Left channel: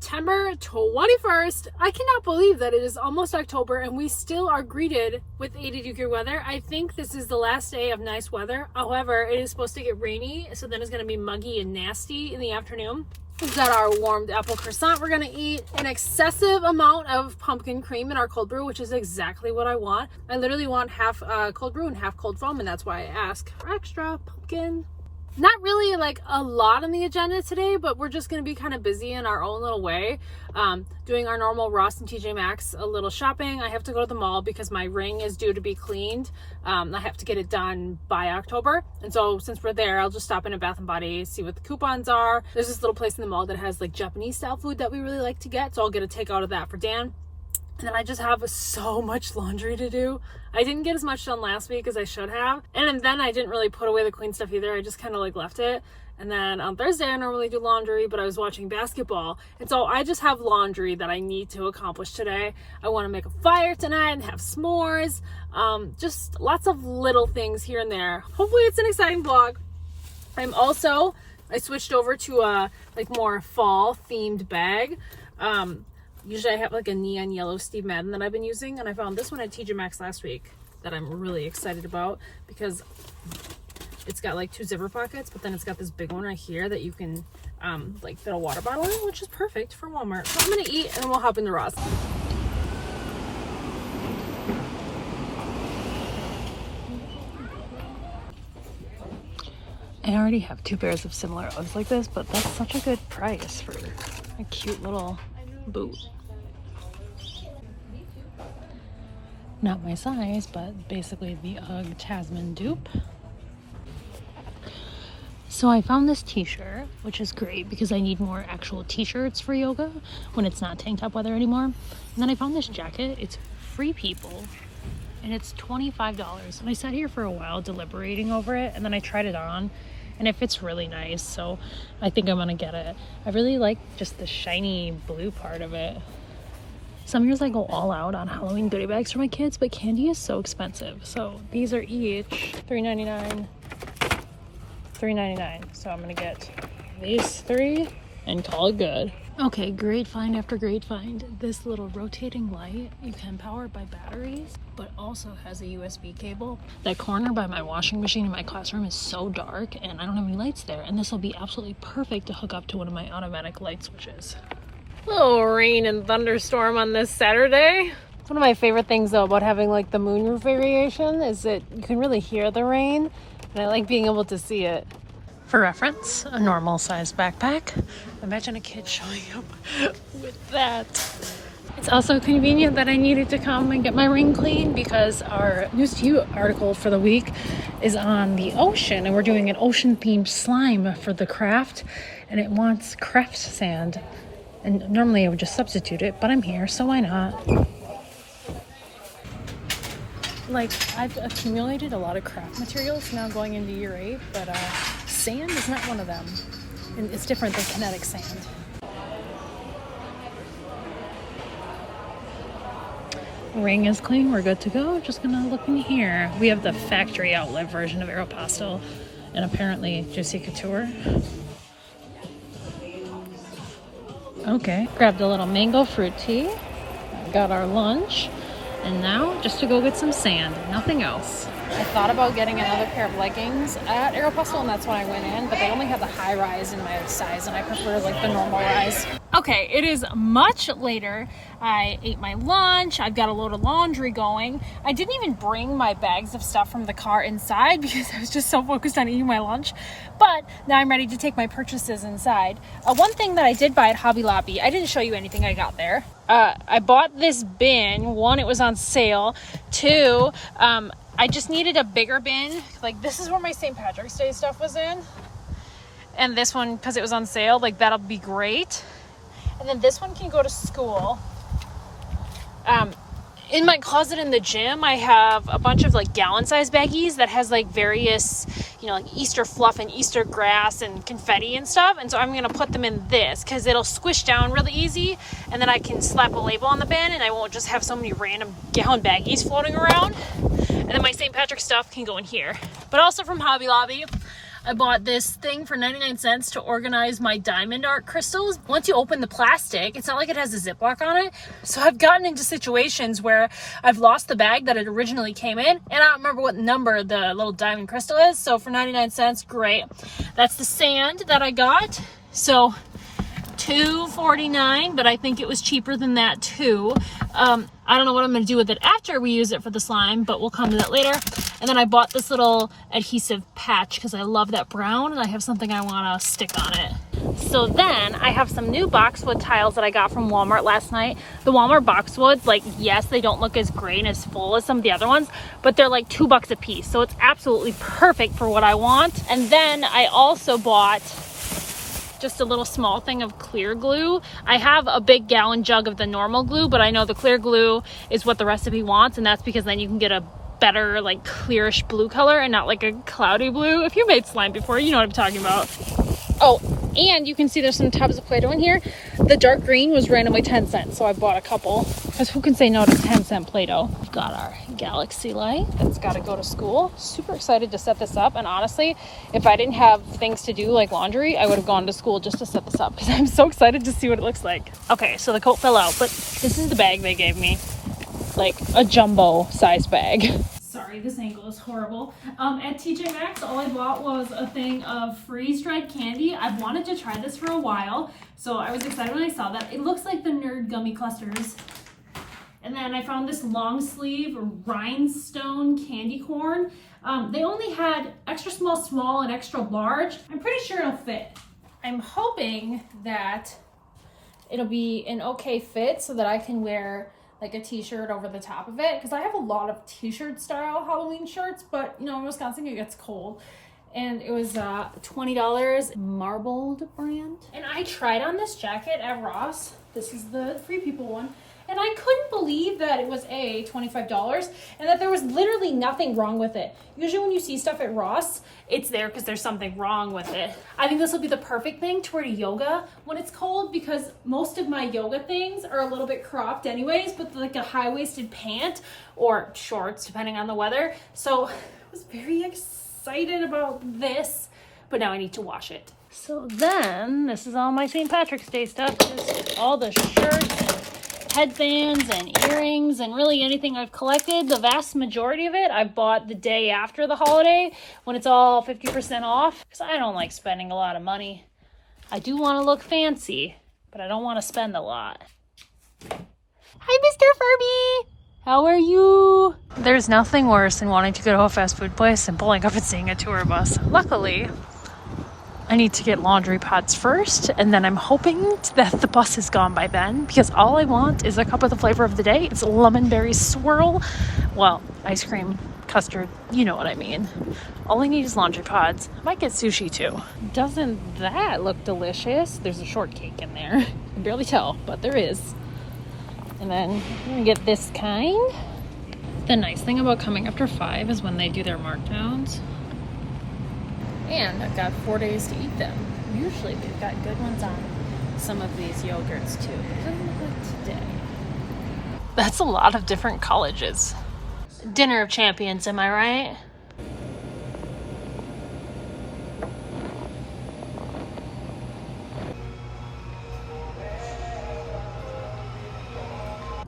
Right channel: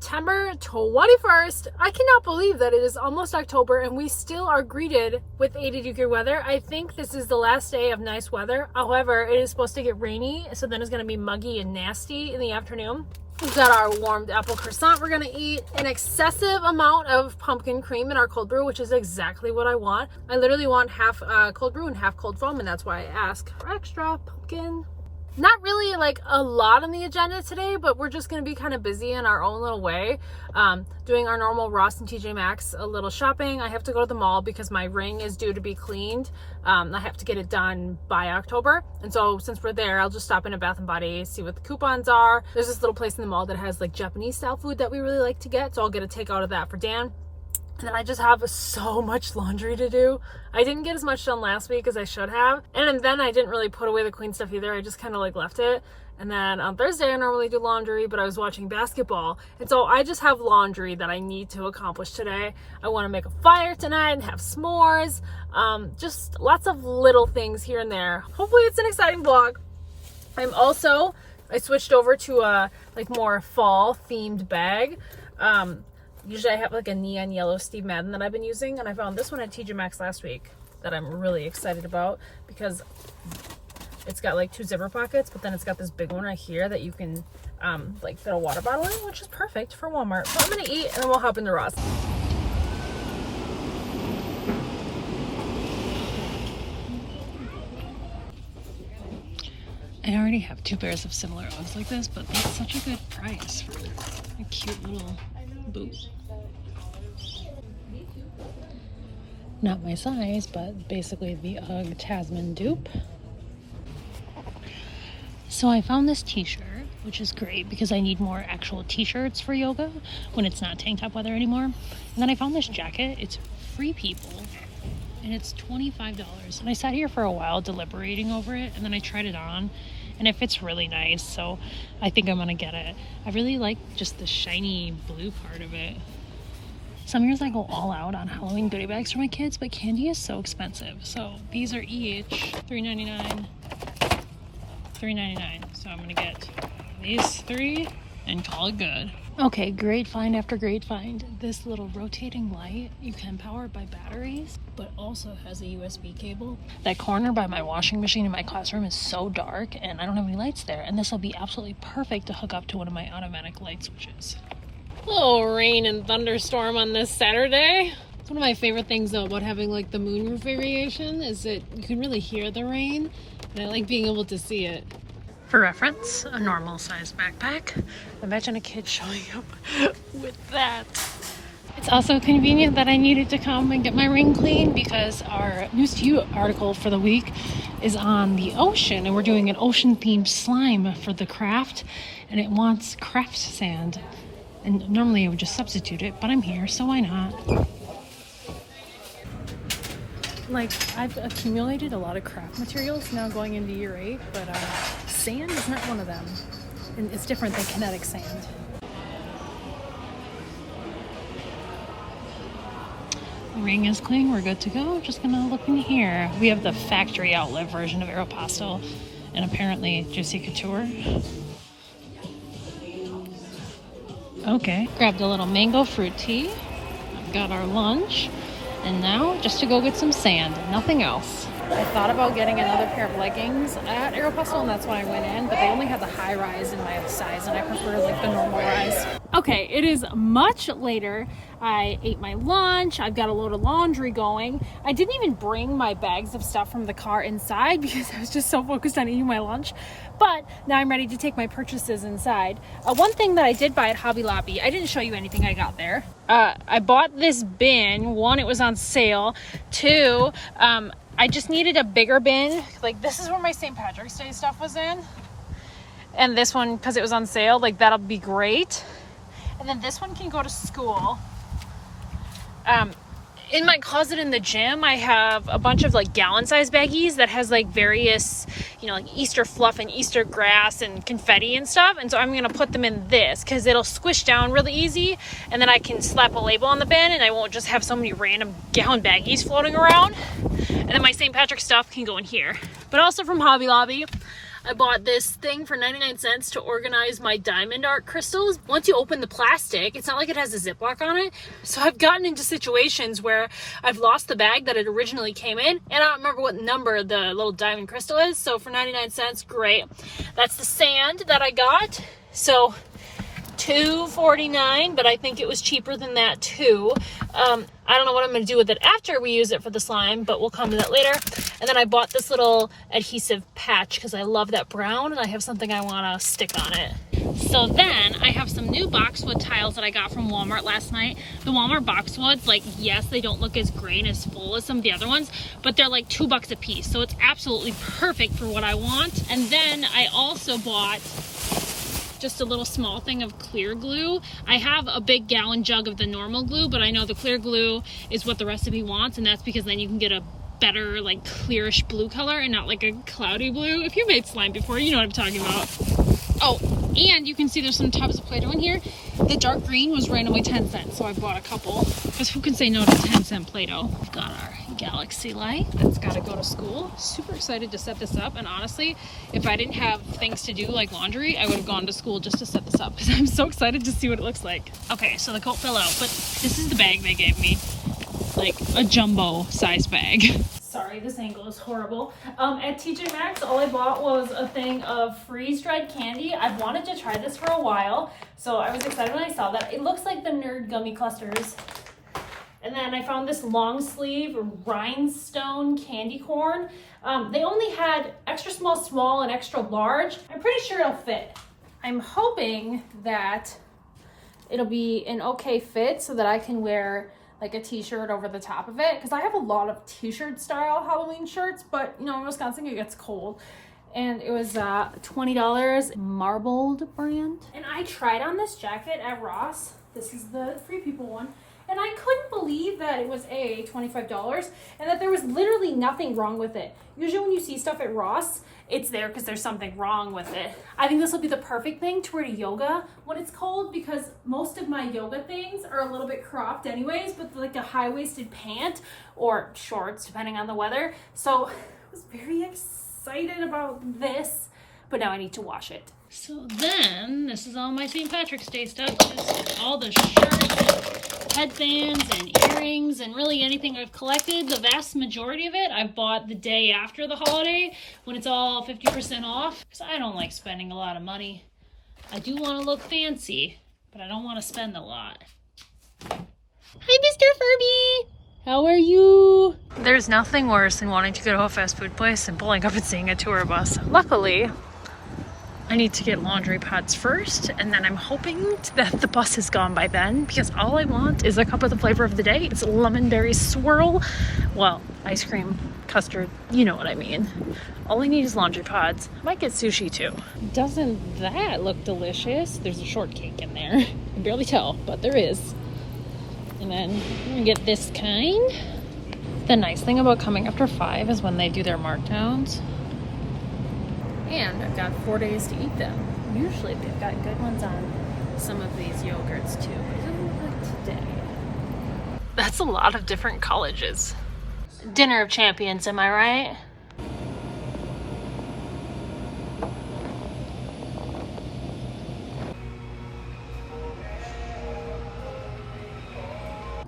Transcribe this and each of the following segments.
September 21st. I cannot believe that it is almost October and we still are greeted with 80-degree weather. I think this is the last day of nice weather. However, it is supposed to get rainy, so then it's going to be muggy and nasty in the afternoon. We've got our warmed apple croissant we're going to eat. An excessive amount of pumpkin cream in our cold brew, which is exactly what I want. I literally want half cold brew and half cold foam, and that's why I ask for extra pumpkin. Not really like a lot on the agenda today, but we're just going to be kind of busy in our own little way. Doing our normal Ross and TJ Maxx a little shopping. I have to go to the mall because my ring is due to be cleaned. I have to get it done by October. And so since we're there, I'll just stop in at Bath & Body, see what the coupons are. There's this little place in the mall that has like Japanese style food that we really like to get. So I'll get a takeout of that for Dan. And then I just have so much laundry to do. I didn't get as much done last week as I should have. And then I didn't really put away the queen stuff either. I just kind of like left it. And then on Thursday, I normally do laundry, but I was watching basketball. And so I just have laundry that I need to accomplish today. I want to make a fire tonight and have s'mores. Just lots of little things here and there. Hopefully it's an exciting vlog. I switched over to a like more fall themed bag. Usually I have like a neon yellow Steve Madden that I've been using, and I found this one at TJ Maxx last week that I'm really excited about because it's got like 2 zipper pockets, but then it's got this big one right here that you can like fit a water bottle in, which is perfect for Walmart. So I'm gonna eat and then we'll hop into Ross. I already have 2 pairs of similar Uggs like this, but that's such a good price for a cute little boot. Not my size, but basically the Ugg Tasman dupe. So I found this t-shirt, which is great because I need more actual t-shirts for yoga when it's not tank top weather anymore. And then I found this jacket. It's Free People and it's $25. And I sat here for a while deliberating over it, and then I tried it on and it fits really nice, so I think I'm gonna get it. I really like just the shiny blue part of it. Some years I go all out on Halloween goodie bags for my kids, but candy is so expensive. So these are each $3.99. So I'm gonna get these 3 and call it good. Okay, great find after great find. This little rotating light, you can power it by batteries, but also has a USB cable. That corner by my washing machine in my classroom is so dark and I don't have any lights there, and this will be absolutely perfect to hook up to one of my automatic light switches. Little rain and thunderstorm on this Saturday. It's one of my favorite things though about having like the moonroof variation is that you can really hear the rain, and I like being able to see it. For reference, a normal sized backpack. Imagine a kid showing up with that. It's also convenient that I needed to come and get my ring clean because our News to You article for the week is on the ocean, and we're doing an ocean themed slime for the craft, and it wants craft sand. And normally I would just substitute it, but I'm here, so why not? Like, I've accumulated a lot of craft materials now going into year 8, but sand is not one of them. And it's different than kinetic sand. Ring is clean, we're good to go. Just gonna look in here. We have the factory outlet version of Aeropostale and apparently Juicy Couture. Okay, grabbed a little mango fruit tea. Got our lunch. And now just to go get some sand, nothing else. I thought about getting another pair of leggings at Aeropostale, and that's when I went in, but they only have the high rise in my size, and I prefer like the normal rise. Okay, it is much later. I ate my lunch. I've got a load of laundry going. I didn't even bring my bags of stuff from the car inside because I was just so focused on eating my lunch. But now I'm ready to take my purchases inside. One thing that I did buy at Hobby Lobby, I didn't show you anything I got there. I bought this bin. 1, it was on sale. 2, I just needed a bigger bin. Like, this is where my St. Patrick's Day stuff was in. And this one, because it was on sale, like that'll be great. And then this one can go to school. In my closet in the gym, I have a bunch of like gallon size baggies that has like various, you know, like Easter fluff and Easter grass and confetti and stuff. And so I'm going to put them in this because it'll squish down really easy. And then I can slap a label on the bin and I won't just have so many random gallon baggies floating around. And then my St. Patrick stuff can go in here. But also from Hobby Lobby, I bought this thing for 99 cents to organize my diamond art crystals. Once you open the plastic, it's not like it has a Ziploc on it. So I've gotten into situations where I've lost the bag that it originally came in, and I don't remember what number the little diamond crystal is. So for 99 cents, great. That's the sand that I got. So $2.49, but I think it was cheaper than that too. I don't know what I'm going to do with it after we use it for the slime, but we'll come to that later. And then I bought this little adhesive patch because I love that brown and I have something I want to stick on it. So then I have some new boxwood tiles that I got from Walmart last night. The Walmart boxwoods, like, yes, they don't look as great and as full as some of the other ones, but they're like $2 a piece. So it's absolutely perfect for what I want. And then I also bought just a little small thing of clear glue. I have a big gallon jug of the normal glue, but I know the clear glue is what the recipe wants, and that's because then you can get a better, like, clearish blue color and not like a cloudy blue. If you made slime before, you know what I'm talking about. Oh, and you can see there's some tubs of Play-Doh in here. The dark green was randomly 10 cents, so I bought a couple. Because who can say no to 10-cent Play-Doh? We've got our Galaxy light that's got to go to school. Super excited to set this up, and honestly, if I didn't have things to do like laundry, I would have gone to school just to set this up because I'm so excited to see what it looks like. Okay, so the coat fell out, but this is the bag they gave me. Like a jumbo size bag. Sorry, this angle is horrible. At TJ Maxx, all I bought was a thing of freeze-dried candy. I've wanted to try this for a while, so I was excited when I saw that. It looks like the Nerd Gummy Clusters. And then I found this long sleeve rhinestone candy corn. They only had extra small, small, and extra large. I'm pretty sure it'll fit. I'm hoping that it'll be an okay fit so that I can wear like a t-shirt over the top of it, because I have a lot of t-shirt style Halloween shirts, but you know, in Wisconsin it gets cold. And it was $20, Marbled brand. And I tried on this jacket at Ross. This is the Free People one. And I couldn't believe that it was $25 and that there was literally nothing wrong with it. Usually when you see stuff at Ross, it's there because there's something wrong with it. I think this will be the perfect thing to wear to yoga when it's cold, because most of my yoga things are a little bit cropped anyways, but like a high-waisted pant or shorts depending on the weather. So I was very excited about this, but now I need to wash it. So then this is all my St. Patrick's Day stuff. Just all the shirts, headbands, and earrings, and really anything I've collected. The vast majority of it I bought the day after the holiday when it's all 50% off, because I don't like spending a lot of money. I do want to look fancy, but I don't want to spend a lot. Hi, Mr. Furby! How are you? There's nothing worse than wanting to go to a fast food place and pulling up and seeing a tour bus. Luckily, I need to get laundry pods first, and then I'm hoping that the bus is gone by then, because all I want is a cup of the flavor of the day. It's lemon berry swirl. Well, ice cream, custard, you know what I mean. All I need is laundry pods. Might get sushi too. Doesn't that look delicious? There's a shortcake in there. I can barely tell, but there is. And then I'm gonna get this kind. The nice thing about coming after 5 is when they do their markdowns. And I've got 4 days to eat them. Usually they've got good ones on some of these yogurts too, but it doesn't look like today. That's a lot of different colleges. Dinner of champions, am I right?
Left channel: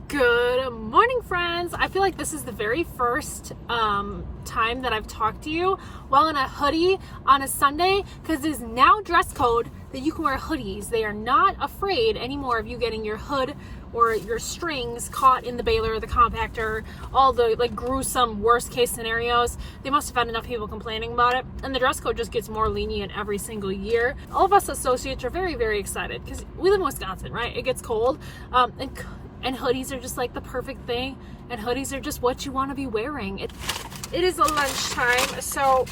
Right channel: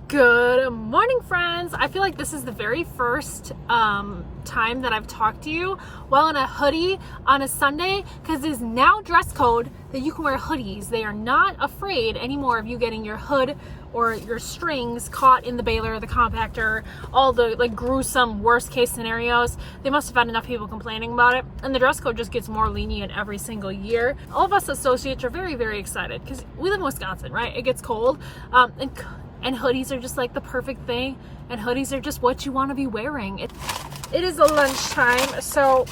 Good morning, friends. I feel like this is the very first time that I've talked to you while in a hoodie on a Sunday, because it is now dress code that you can wear hoodies. They are not afraid anymore of you getting your hood or your strings caught in the baler, the compactor, all the like gruesome worst case scenarios. They must have had enough people complaining about it, and the dress code just gets more lenient every single year. All of us associates are very, very excited because we live in Wisconsin, right? It gets cold, and hoodies are just like the perfect thing, and hoodies are just what you want to be wearing. It is a lunchtime, so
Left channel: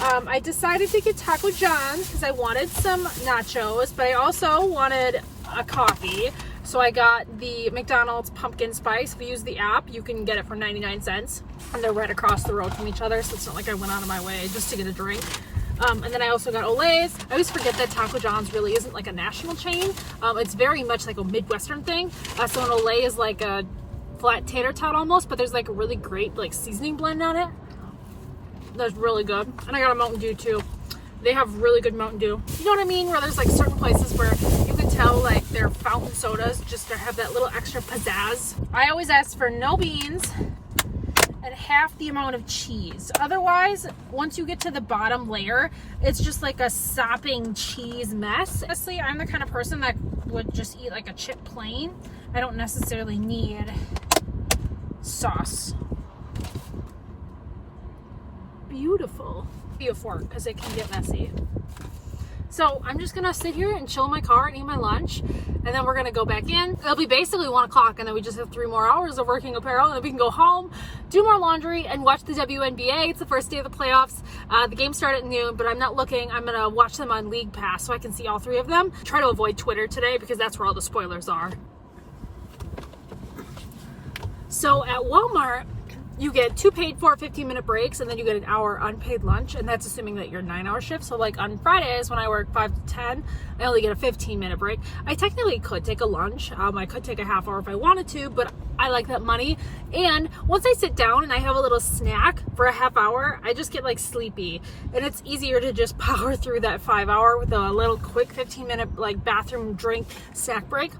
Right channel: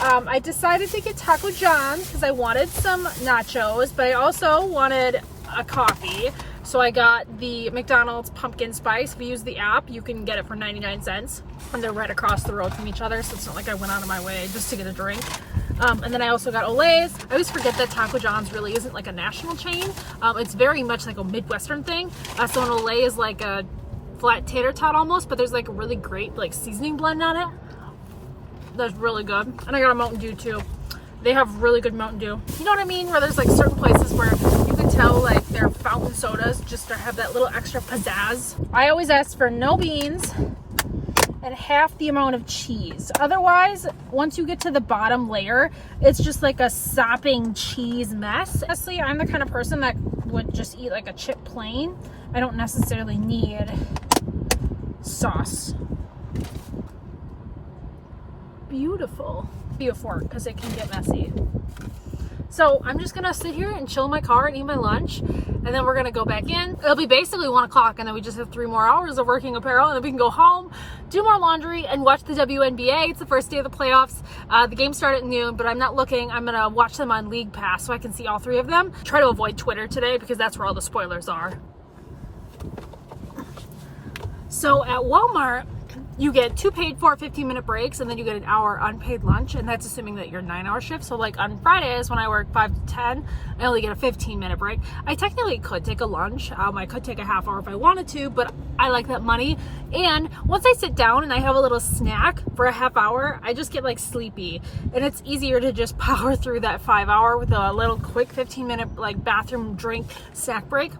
I decided to get Taco John because I wanted some nachos, but I also wanted a coffee. So I got the McDonald's pumpkin spice. If you use the app, you can get it for 99 cents. And they're right across the road from each other, so it's not like I went out of my way just to get a drink. And then I also got Olay's. I always forget that Taco John's really isn't like a national chain. It's very much like a Midwestern thing. So an Olay is like a flat tater tot almost, but there's like a really great like seasoning blend on it. That's really good. And I got a Mountain Dew too. They have really good Mountain Dew. You know what I mean? Where there's like certain places where you can tell like their fountain sodas just have that little extra pizzazz. I always ask for no beans and half the amount of cheese. Otherwise, once you get to the bottom layer, it's just like a sopping cheese mess. Honestly, I'm the kind of person that would just eat like a chip plain. I don't necessarily need sauce. Beautiful. Be a fork because it can get messy. So I'm just gonna sit here and chill in my car and eat my lunch, and then we're gonna go back in. It'll be basically 1 o'clock, and then we just have 3 more hours of working apparel, and then we can go home, do more laundry, and watch the WNBA. It's the first day of the playoffs. The game started at noon, but I'm not looking. I'm gonna watch them on League Pass so I can see all 3 of them. Try to avoid Twitter today because that's where all the spoilers are. So at Walmart, you get 2 paid for 15-minute breaks, and then you get an hour unpaid lunch, and that's assuming that you're 9-hour shift. So like on Fridays when I work 5 to 10, I only get a 15-minute break. I technically could take a lunch. I could take a half hour if I wanted to, but I like that money. And once I sit down and I have a little snack for a half hour, I just get like sleepy, and it's easier to just power through that 5 hour with a little quick 15-minute like bathroom drink snack break,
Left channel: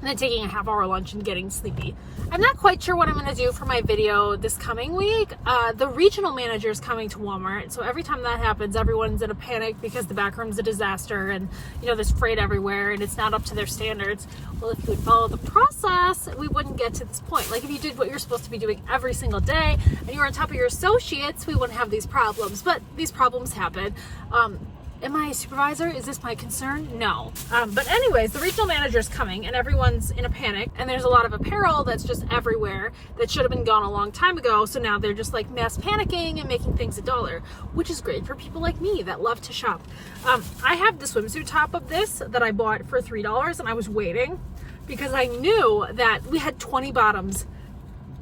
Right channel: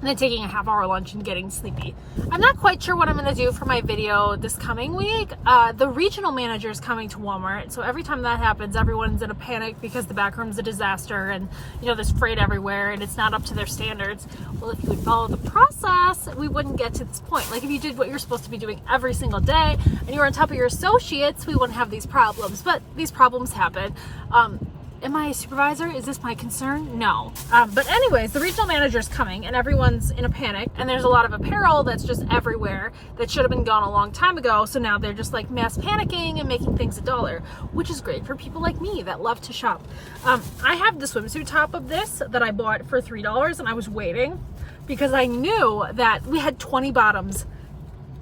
and then taking a half hour lunch and getting sleepy. I'm not quite sure what I'm gonna do for my video this coming week. The regional manager is coming to Walmart, so every time that happens, everyone's in a panic because the back room's a disaster, and you know, there's freight everywhere and it's not up to their standards. Well, if you would follow the process, we wouldn't get to this point. Like if you did what you're supposed to be doing every single day and you were on top of your associates, we wouldn't have these problems, but these problems happen. Am I a supervisor? Is this my concern? No. But anyways, the regional manager is coming and everyone's in a panic, and there's a lot of apparel that's just everywhere that should have been gone a long time ago. So now they're just like mass panicking and making things $1, which is great for people like me that love to shop. I have the swimsuit top of this that I bought for $3, and I was waiting because I knew that we had 20 bottoms.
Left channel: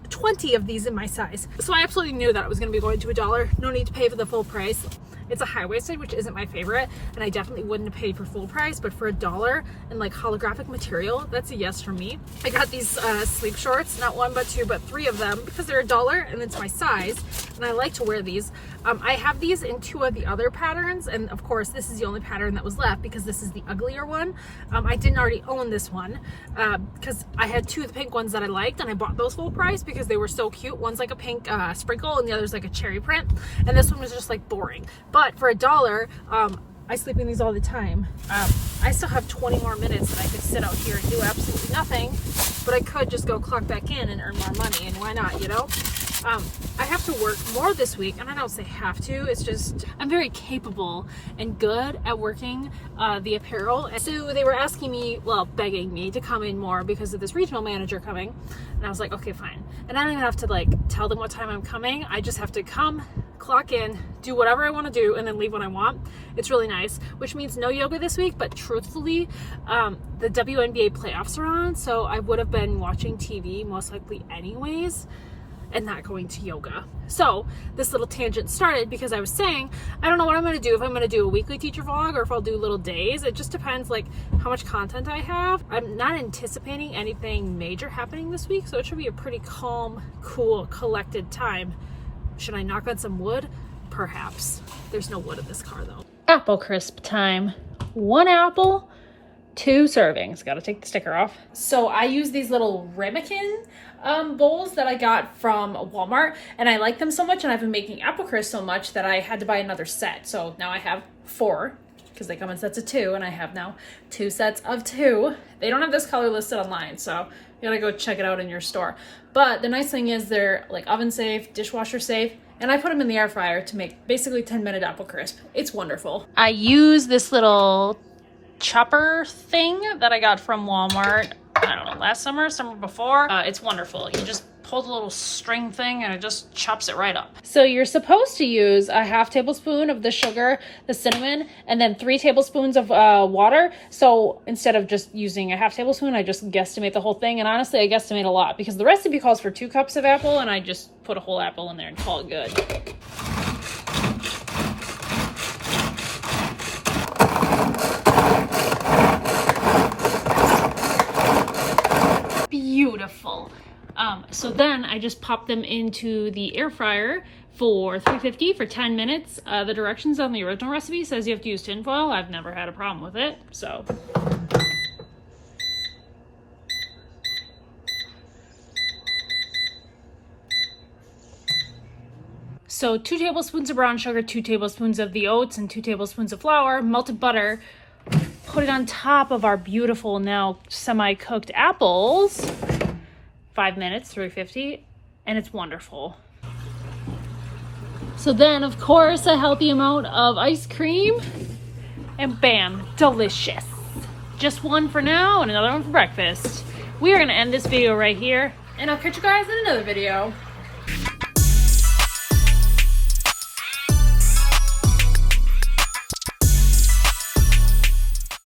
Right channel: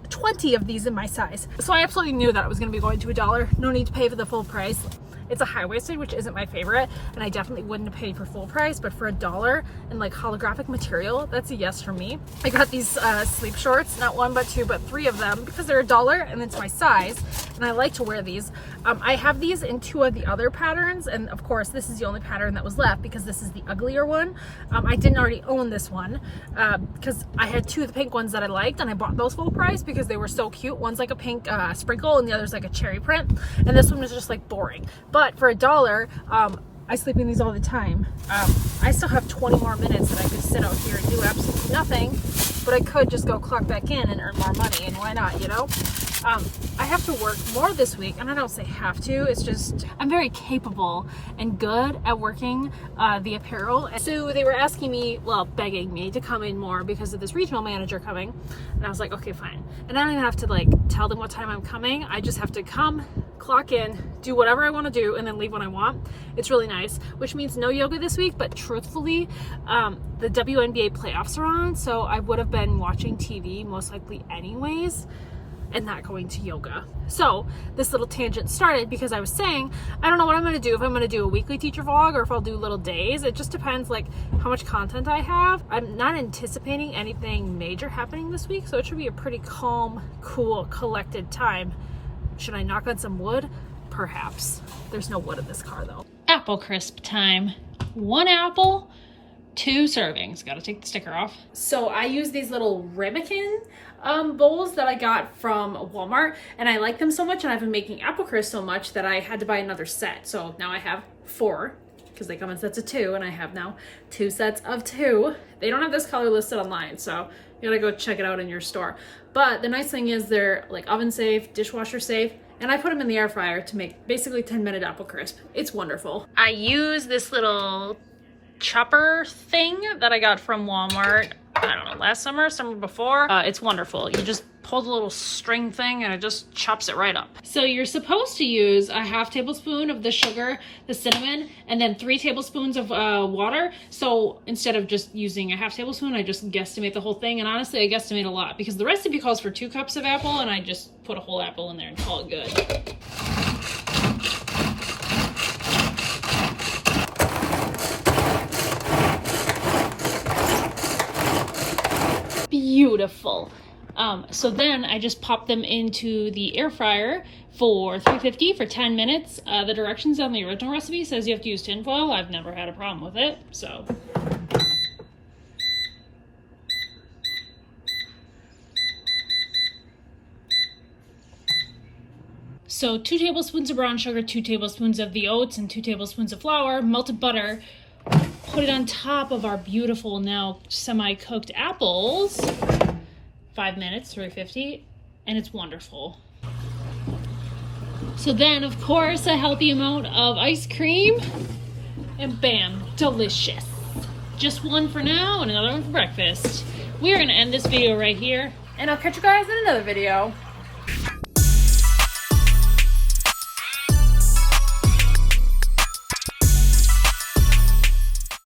20 of these in my size. So I absolutely knew that it was going to be going to $1. No need to pay for the full price. It's a high-waisted, which isn't my favorite, and I definitely wouldn't have paid for full price, but for $1 and like holographic material, that's a yes for me. I got these sleep shorts, not 1 but 2 but 3 of them, because they're $1 and it's my size, and I like to wear these. I have these in 2 of the other patterns, and of course this is the only pattern that was left because this is the uglier one. I didn't already own this one because I had 2 of the pink ones that I liked, and I bought those full price because they were so cute. One's like a pink sprinkle and the other's like a cherry print, and this one was just like boring. But for $1, I sleep in these all the time. I still have 20 more minutes that I could sit out here and do absolutely nothing, but I could just go clock back in and earn more money, and why not, you know? I have to work more this week, and I don't say have to, it's just I'm very capable and good at working the apparel. So they were asking me, well, begging me to come in more because of this regional manager coming, and I was like, okay, fine. And I don't even have to like tell them what time I'm coming. I just have to come, clock in, do whatever I want to do, and then leave when I want. It's really nice, which means no yoga this week, but truthfully, the WNBA playoffs are on, so I would have been watching TV most likely anyways and not going to yoga. So this little tangent started because I was saying, I don't know what I'm going to do, if I'm going to do a weekly teacher vlog or if I'll do little days. It just depends like how much content I have. I'm not anticipating anything major happening this week, so it should be a pretty calm, cool, collected time. Should I knock on some wood? Perhaps. There's no wood in this car though. Apple crisp time. 1 apple, 2 servings. Gotta take the sticker off. So I use these little ramekin bowls that I got from Walmart, and I like them so much, and I've been making apple crisp so much that I had to buy another set. So now I have 4 because they come in sets of 2, and I have now 2 sets of 2. They don't have this color listed online, so you gotta go check it out in your store. But the nice thing is they're like oven safe, dishwasher safe, and I put them in the air fryer to make basically 10-minute apple crisp. It's wonderful. I use this little chopper thing that I got from Walmart, I don't know, last summer, summer before. It's wonderful. You just pull the little string thing and it just chops it right up. So you're supposed to use a half tablespoon of the sugar, the cinnamon, and then 3 tablespoons of water. So instead of just using a half tablespoon, I just guesstimate the whole thing. And honestly, I guesstimate a lot because the recipe calls for 2 cups of apple, and I just put a whole apple in there and call it good. Beautiful. So then I just pop them into the air fryer for 350 for 10 minutes. The directions on the original recipe says you have to use tinfoil. I've never had a problem with it, so. So 2 tablespoons of brown sugar, 2 tablespoons of the oats, and 2 tablespoons of flour, melted butter. Put it on top of our beautiful, now semi-cooked apples. 5 minutes, 350, and it's wonderful. So then, of course, a healthy amount of ice cream, and bam, delicious. Just one for now and another one for breakfast. We are going to end this video right here, and I'll catch you guys in another video.